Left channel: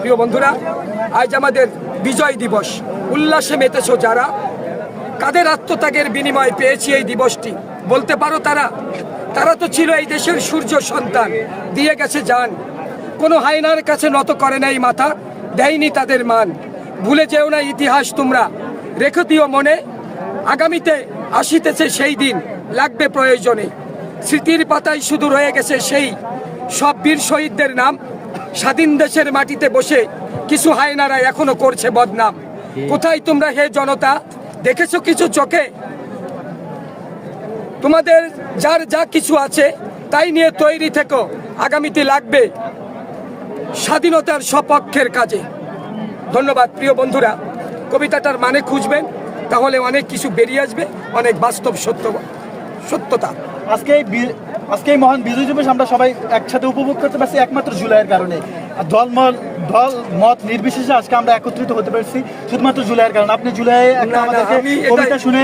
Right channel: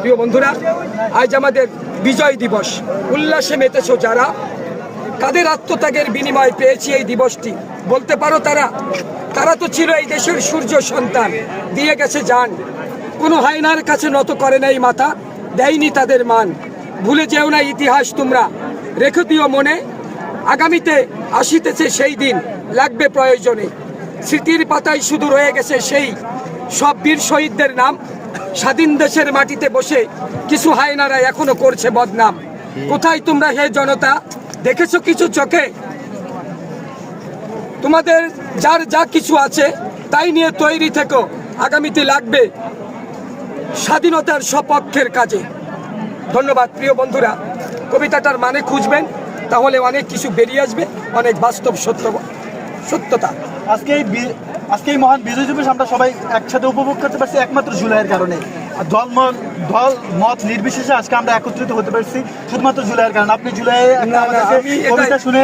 প্রিয় বন্ধুরা, আজ আমাদের বিজয় দিবস। উল্লাসে মেতেছ যারা, কাদের আত্মত্যাগের বিনিময় পেয়েছি এই দিবসটি বলতে পারো তারা? তারা তো ছিল এই দেশের সূর্য সন্তান, দিয়ে গেছে জান। কোনো হায়নার কাছে নত করে নাই মাথা, দেয়নি তাদের মান। ভুলে যেও না ইতিহাস তোমরা, রেখে দিও মনে। আগামীতে আসিতেছে সেই দিন, লাগবে প্রয়োজনে। স্মৃতির পাতায় শুধু রয়ে গেছে সেই সব বীর শহীদদের নাম। স্বাধীন দেশের মাটিতে বসে কিছু হায়নারা এখনো করছে বদনাম। কোথায় তোমরা হে জনতা, দেখেছো কিছু চোখে? তোমাদের যার যা কিছু আছে তাই নিয়ে তৈরি থেকো, আগামীতে লাগবে স্বাধীনতার সপক্ষের কাজে। ধন্যবাদ প্রিয় বন্ধুরা। কবিতাটার মানে খুঁজবেন, তাহলে অনেক কিছু বেরিয়ে আসবে, অনেক বাস্তব সত্যতা। আজকে এই মহান বিজয় দিবস আমরা সবাই একসাথে উপভোগ করতে পারছি একমাত্র জুলাইয়ের কারণে। দল মত নির্বিশেষে আজকে আমরা একত্রিত হতে পারছি শুধুমাত্র জুলাইয়ের কারণে। আপনি জুলাই একটা আমাদেরকে কবিতা শুনে